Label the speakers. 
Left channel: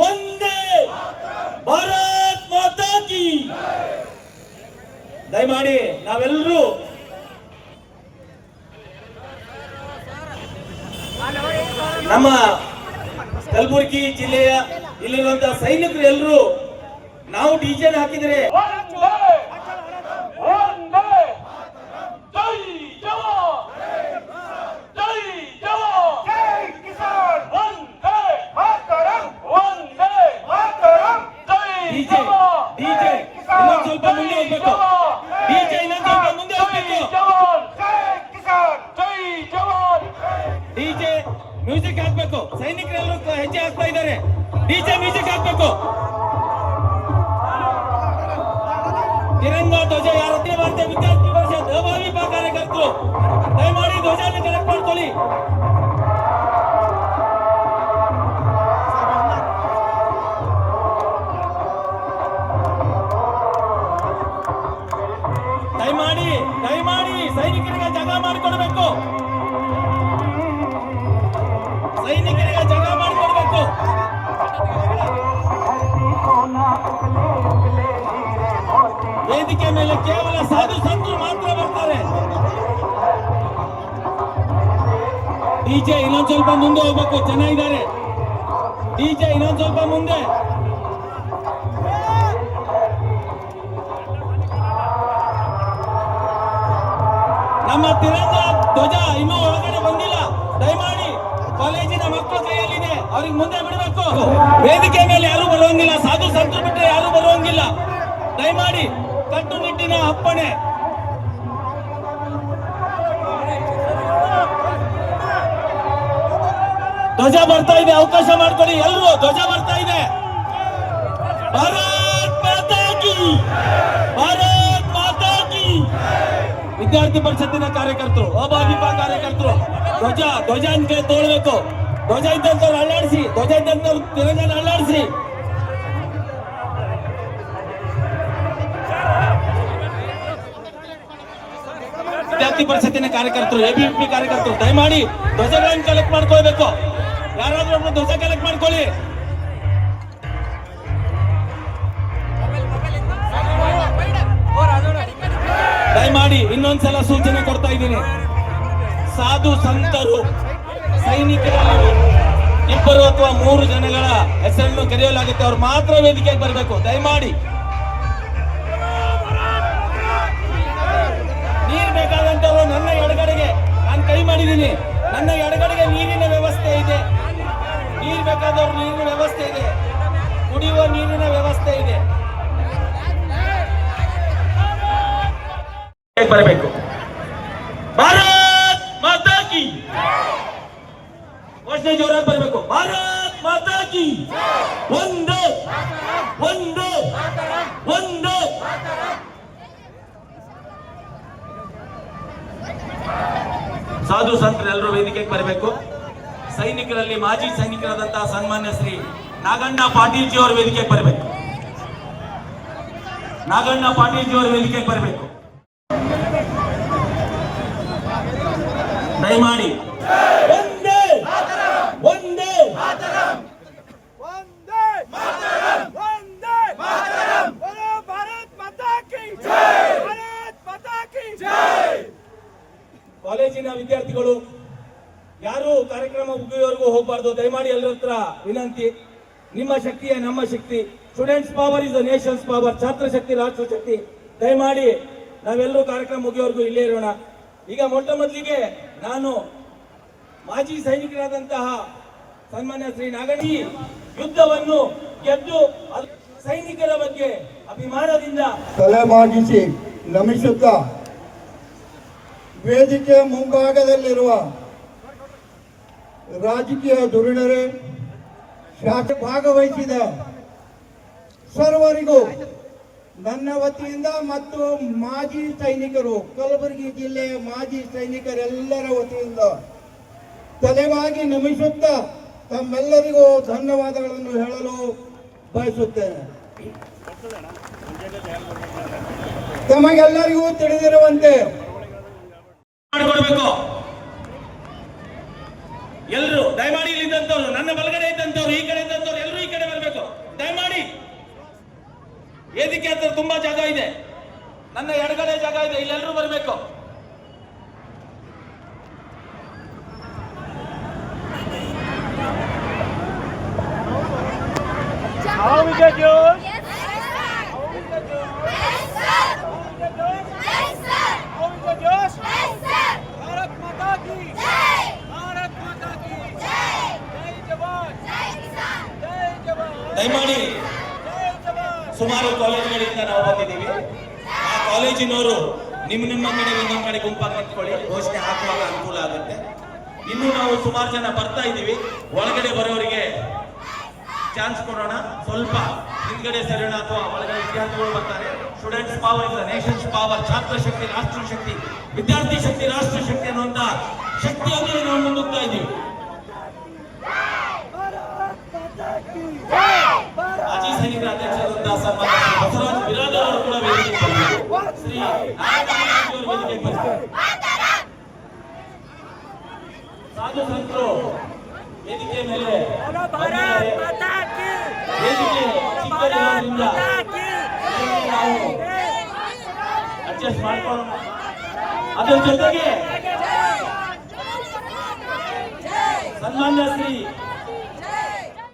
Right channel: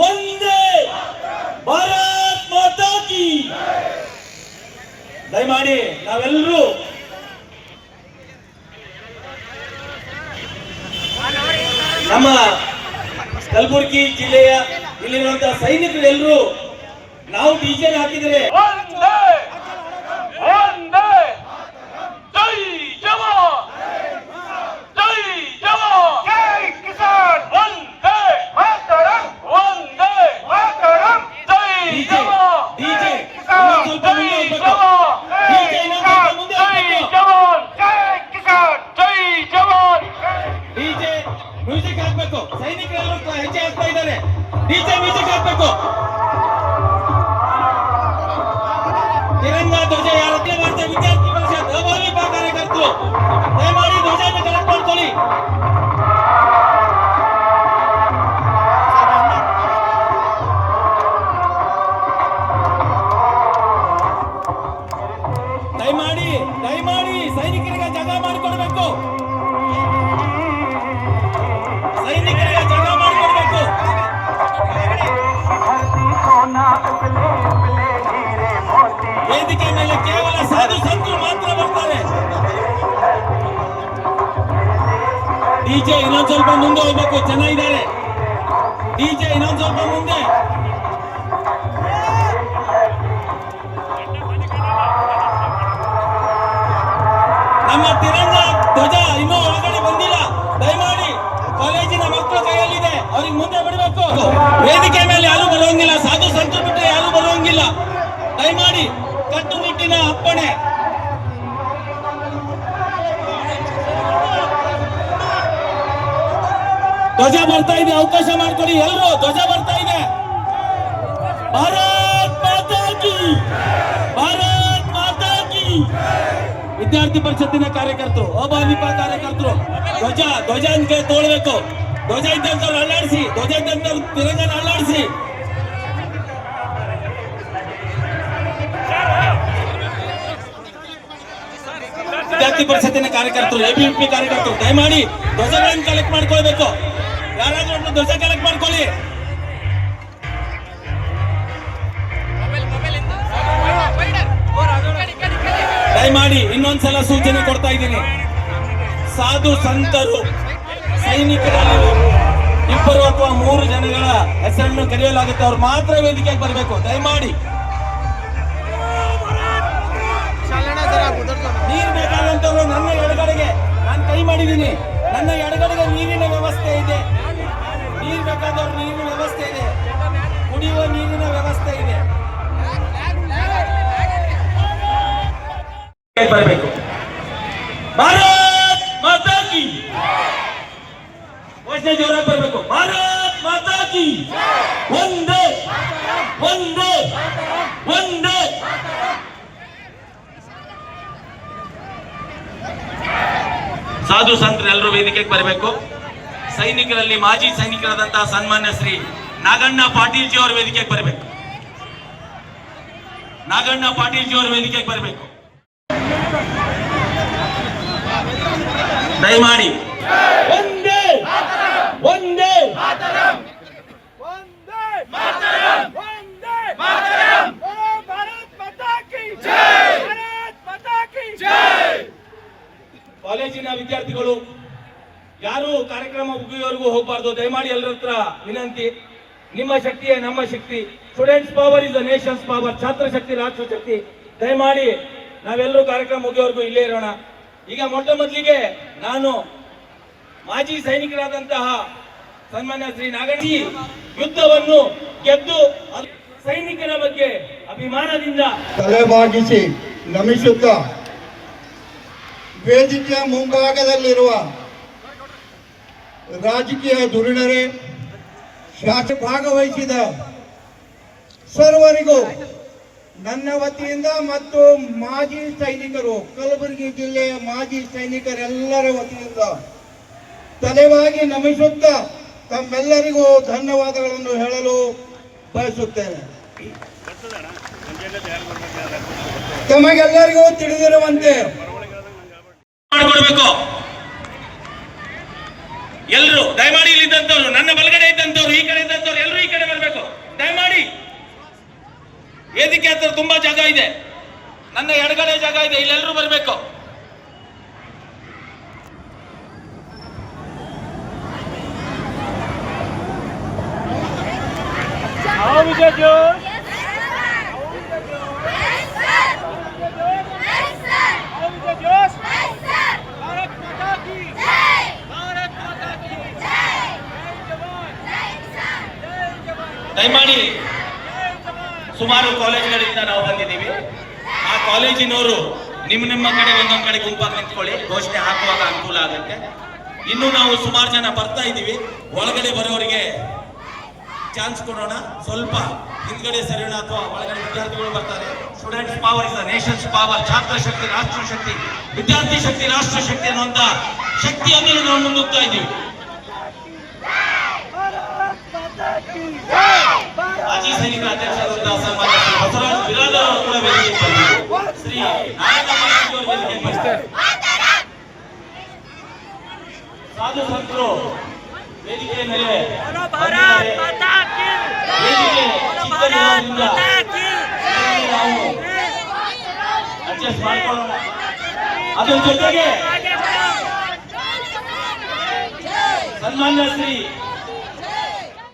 Speaker 1: ಒಂದೇ ಭಾರತ್ ಮಾತಾ ಕಿ. ದಯಮಾಡಿ ನಾವೆಲ್ಲರೂ ನಮ್ಮ ಕಲಬುರಗಿ ಜಿಲ್ಲೆಯ ಇಲ್ಲಿರುವಂತಹ ಸೈನಿಕರು ಎಲ್ಲರೂ ನಾವು ಡಿಜೆನ್ ಹಾಕಿದ್ರೆ
Speaker 2: ಒಂದೇ ಒಂದೇ ಜೈ ಜವಾನ್ ಜೈ ಜವಾನ್ ಜೈ ಕಿಸಾನ್ ಒಂದೇ ಮಾತರಂ ಒಂದೇ ಮಾತರಂ ಜೈ
Speaker 1: DJ,
Speaker 2: ಜವಾನ್
Speaker 1: DJ,
Speaker 2: ಜೈ ಕಿಸಾನ್
Speaker 1: ಇನ್ನೊಂದ್ ಸ್ವಲ್ಪ ಮುಂದೆ ಹೋಗ್ಬೇಕು.
Speaker 2: ಜೈ
Speaker 1: DJ, ಇನ್ನೊಂದ್ ಸ್ವಲ್ಪ ಮುಂದೆ ಹೋಗ್ಬೇಕು.
Speaker 2: ಜವಾನ್ ಜೈ ಕಿಸಾನ್ ಜೈ ಕಿಸಾನ್ ಜೈ ಜವಾನ್
Speaker 1: ಡಿಜೆ ಮ್ಯೂಸಿಕ್ ಹಾಕ್ಬೇಕು. ಸೈನಿಕರೆಲ್ಲರೂ ಹೆಜ್ಜೆ ಹಾಕ್ತಾ ಇದ್ದಾರೆ. ಡಿಜೆ ಮ್ಯೂಸಿಕ್ ಹಾಕ್ಬೇಕು. ತಿರಂಗ ಧ್ವಜ ಯಾರ ಹತ್ರ ಮಾಡ್ತೇವೆ ವಿದ್ಯಾರ್ಥಿ ಪರಿಷತ್ ಅಭಾವಿ ಕಾರ್ಯಕರ್ತರು. ದಯಮಾಡಿ ಧ್ವಜ ಮೇಲೆ ಕೇವಲ ಸಾಧು ಸಂತರು ಮಾತ್ರ ಬರ್ತಾರೆ. ಡಿಜೆ ಇನ್ನೊಂದ್ ಸ್ವಲ್ಪ ಮುಂದೆ ಹೋಗ್ಬೇಕು ಜನ ಇದ್ದಾರೆ ಡಿಜೆ ಇನ್ನೊಂದ್ ಸ್ವಲ್ಪ ಮುಂದೆ. ನಮ್ಮ ತಿರಂಗ ಧ್ವಜ ಇನ್ನೂ ಒಳಗಡೆ ಬಂದಿಲ್ಲ. ದಯಮಾಡಿ ಕಾಲೇಜಿನ ಮಕ್ಕಳ ಕೈಯಲ್ಲಿದೆ. ಅವ್ರಿಗೆ ಮುಂದೆ ಬಿಡಬೇಕು. ವೇದಿಕೆ ಮೇಲೆ ಯಾರು ಬರೋಂಗಿಲ್ಲ ಸಾಧು ಸಂತರು ಬಿಟ್ಟರೆ ಯಾರು ಬರುವಂಗಿಲ್ಲ. ದಯಮಾಡಿ ಕಟ್ಟುನಿಟ್ಟಿನ ಅಪ್ಪಣೆ. ಧ್ವಜ ಬರ್ತಾ ಇದೆ, ಅವಕಾಶ ಮಾಡ್ಕೊಡಿ ಎಲ್ಲರೂ ಧ್ವಜ ಬರ್ತಾ ಇದೆ. ಭಾರತ್ ಮಾತಾ ಕಿ, ಭಾರತ್ ಮಾತಾ ವಿದ್ಯಾರ್ಥಿ ಪರಿಷತ್ತಿನ ಕಾರ್ಯಕರ್ತರು, ಅಭಾವಿಕ ಕಾರ್ಯಕರ್ತರು, ಧ್ವಜ ಧ್ವಜ ಅಂತ ತೋಳ್ಬೇಕು. ಧ್ವಜ ಇದ್ದಂತವ್ರು ಅಲ್ಲಾಡಿಸಿ, ಧ್ವಜ ಇದ್ದಂತವ್ರು ತಿರಂಗನ ಅಲ್ಲಾಡಿಸಿ. ವಿದ್ಯಾರ್ಥಿ ಪರಿಷತ್ತಿನ ಕಾರ್ಯಕರ್ತರು ಎಬಿಎಂಪಿ ಕಾರ್ಯಕರ್ತರು, ದಯಮಾಡಿ ಧ್ವಜಗಳನ್ನು ಕಲೆಕ್ಟ್ ಮಾಡ್ಕೊಳ್ಬೇಕು. ಯಾರಾದ್ರೂ ಒಬ್ರು ಧ್ವಜ ಕಲೆಕ್ಟ್ ಮಾಡ್ಕೊಳ್ಳಿ. ದಯಮಾಡಿ ಇನ್ನೊಂದ್ಸಲ ಸೂಚನೆ ಕೊಡ್ತಾ ಇದ್ದೀನಿ. ಸಾಧು ಸಂತರು, ಸೈನಿಕರಲ್ಲಿ ಇಬ್ಬರು ಅಥವಾ ಮೂರು ಜನಗಳ ಹೆಸರನ್ನು ಕರೆಯಲಾಗುತ್ತೆ. ಅವ್ರು ಮಾತ್ರ ವೇದಿಕೆಗೆ ಬರಬೇಕು. ದಯಮಾಡಿ ನಾನು ಕೈ ಮಾಡಿದ್ದೀನಿ. ನನ್ನ ಎಡಗಡೆಗೆ ನೀರಿನ ವ್ಯವಸ್ಥೆ ಇದೆ. ನೀರು ಬೇಕಾದವ್ರು ನೀರಿನ ವ್ಯವಸ್ಥೆ ಇದೆ. ಕುಡಿಯುವ ನೀರಿನ ವ್ಯವಸ್ಥೆ ಇದೆ. ಬರಬೇಕು. ಭಾರತ್ ಮಾತಾ ಕಿ ಜೋರಾಗಿ ಬರಬೇಕು. ಭಾರತ್ ಮಾತಾ ಕಿ ಒಂದೇ. ಒಂದೇ. ಒಂದೇ. ಸಾಧು ಸಂತರು ಎಲ್ಲರೂ ವೇದಿಕೆಗೆ ಬರಬೇಕು. ಸೈನಿಕರಲ್ಲಿ ಮಾಜಿ ಸೈನಿಕರಾದಂತಹ ಸನ್ಮಾನ್ಯ ಶ್ರೀ ನಾಗಣ್ಣ ಪಾಟೀಲ್ಜಿ ಅವರು ವೇದಿಕೆಗೆ ಬರಬೇಕು. ನಾಗಣ್ಣ ಪಾಟೀಲ್ಜಿ ಅವರು ವೇದಿಕೆಗೆ ಬರಬೇಕು. ದಯಮಾಡಿ. ಒಂದೇ ಒಂದೇ
Speaker 2: ಮಾತರಂ ಒಂದೇ ಮಾತರಂ ಬೋಲೋ ಭಾರತ್ ಮಾತಾ ಕಿ ಜೈ ಭಾರತ್ ಮಾತಾ ಕಿ ಜೈ
Speaker 1: ಕಾಲೇಜಿನ ವಿದ್ಯಾರ್ಥಿಗಳು. ಯಾರು ಕಾರ್ಯಕ್ರಮ ಮುಗಿಯುವವರೆಗೂ ಹೋಗಬಾರ್ದು. ದಯಮಾಡಿ ಎಲ್ಲರ ಹತ್ರ ವಿನಂತಿ. ನಿಮ್ಮ ಶಕ್ತಿಯೇ ನಮ್ಮ ಶಕ್ತಿ. Students power is the nation's power Chatra ಶಕ್ತಿ ರಾಷ್ಟ್ರ ಶಕ್ತಿ. ದಯಮಾಡಿ ನಾವೆಲ್ಲರೂ ಕಾರ್ಯಕ್ರಮ ಮುಗಿಯುವವರೆಗೂ ಇಲ್ಲೇ ಇರೋಣ. ಈಗ ಮೊಟ್ಟ ಮೊದಲಿಗೆ ನಾನು ಮಾಜಿ ಸೈನಿಕರಾದಂತಹ ಸನ್ಮಾನ್ಯ ಶ್ರೀ ನಾಗಣಿ ಯುದ್ಧವನ್ನು ಗೆದ್ದು ಸೈನಿಕರ ಬಗ್ಗೆ ಅಭಿಮಾನದಿಂದ
Speaker 3: ತಲೆಬಾಗಿಸಿ ನಮಿಸುತ್ತಾ ವೇದಿಕೆಯ ಮುಂಭಾಗದಲ್ಲಿರುವ ರಾಜಕೀಯ ಧುರೀಣರೇ, ಶಾಸಕ ಭಾಗವಹಿಸಿದ ಸರ್ವರಿಗೂ ನನ್ನ ವತಿಯಿಂದ ಮತ್ತು ಮಾಜಿ ಸೈನಿಕರು, ಕಲಬುರಗಿ ಜಿಲ್ಲೆಯ ಮಾಜಿ ಸೈನಿಕರೆಲ್ಲರ ವತಿಯಿಂದ ತಲೆವಾಗಿ ನಮಿಸುತ್ತಾ ತಮ್ಮೆಲ್ಲರಿಗೂ ಧನ್ಯವಾದಗಳನ್ನು ಹೇಳಲು ಬಯಸುತ್ತೇನೆ. ತಮಗೆಲ್ಲರಿಗೂ ತಿಳಿದಿರುವಂತೆ
Speaker 1: ಮಾಡಿಕೊಡ್ಬೇಕು. ಎಲ್ಲರೂ ದಯಮಾಡಿ ಇಲ್ಲಿದ್ದಂಥವ್ರು, ನನ್ನ ಬಲಗಡೆ ಇದ್ದಂಥವ್ರು, ಈ ಕಡೆ ಇದ್ದಂಥವ್ರು ಎಲ್ಲರೂ ಈ ಕಡೆ ಬರಬೇಕು. ದಯಮಾಡಿ. ವೇದಿಕೆ ಹತ್ರ ತುಂಬಾ ಜಾಗ ಇದೆ. ನನ್ನ ಎಡಗಡೆ ಜಾಗ ಇದೆ ಇಲ್ಲಿ ಇಲ್ಲೆಲ್ಲರೂ ಬರಬೇಕು ಸುಮಾರು ಕಾಲೇಜ್ಗಳಿಂದ ನಾವು ಬಂದಿದ್ದೀವಿ ಆ ಕಾಲೇಜಿನವರು ನಿಮ್ಮ ನಿಮ್ಮ ಕಡೆ ಒಂದೊಂದು ಕಡೆ ಗುಂಪಾಗಿ ನಿಂತ್ಕೊಳ್ಳಿ ಘೋಷಣೆ ಹಾಕುವಾಗ ಅನುಕೂಲ ಆಗುತ್ತೆ ಇನ್ನು ನಾವು ಸುಮಾರು ಜನ ಬರ್ತಾ ಇದ್ದೀವಿ ಒಳಗಡೆ ಬರೋರಿಗೆ ಚಾನ್ಸ್ ಕೊಡೋಣ ಸ್ವಲ್ಪ ಹಿಂದ್ಗಡೆ ಸರಿಯೋಣ ಅಥವಾ ಒಳಗಡೆ ವಿದ್ಯಾರ್ಥಿಗಳು ಬರ್ತಾರೆ students power is nation's power Chatra ಶಕ್ತಿ ರಾಷ್ಟ್ರ ಶಕ್ತಿ ವಿದ್ಯಾರ್ಥಿ ಶಕ್ತಿ ರಾಷ್ಟ್ರ ಶಕ್ತಿ ಅನ್ನುವಂತ ಶಕ್ತಿಯೊಂದಿಗೆ ನಾವು ಮುಂದೋಗ್ತಾ ಇದ್ದೀವಿ ಮಾಜಿ ಸೈನಿಕ ಅಧ್ಯಕ್ಷರಾದಂತಹ ಸನ್ಮಾನ್ಯ ಬಸವರಾಜ್ ಬಿರಾದ ಅವರು ಕೂಡ ವೇದಿಕೆ ಶ್ರೀ ಸಾಧು ಸಂತರು ವೇದಿಕೆಯ ಮೇಲೆ ವೇದಿಕೆ ನಾವು ಅಡ್ಜಸ್ಟ್ ಮಾಡ್ಕೊಳ್ಳೋಣ ಅದರ ಜೊತೆಗೆ ಸನ್ಮಾನ್ಯ ಶ್ರೀ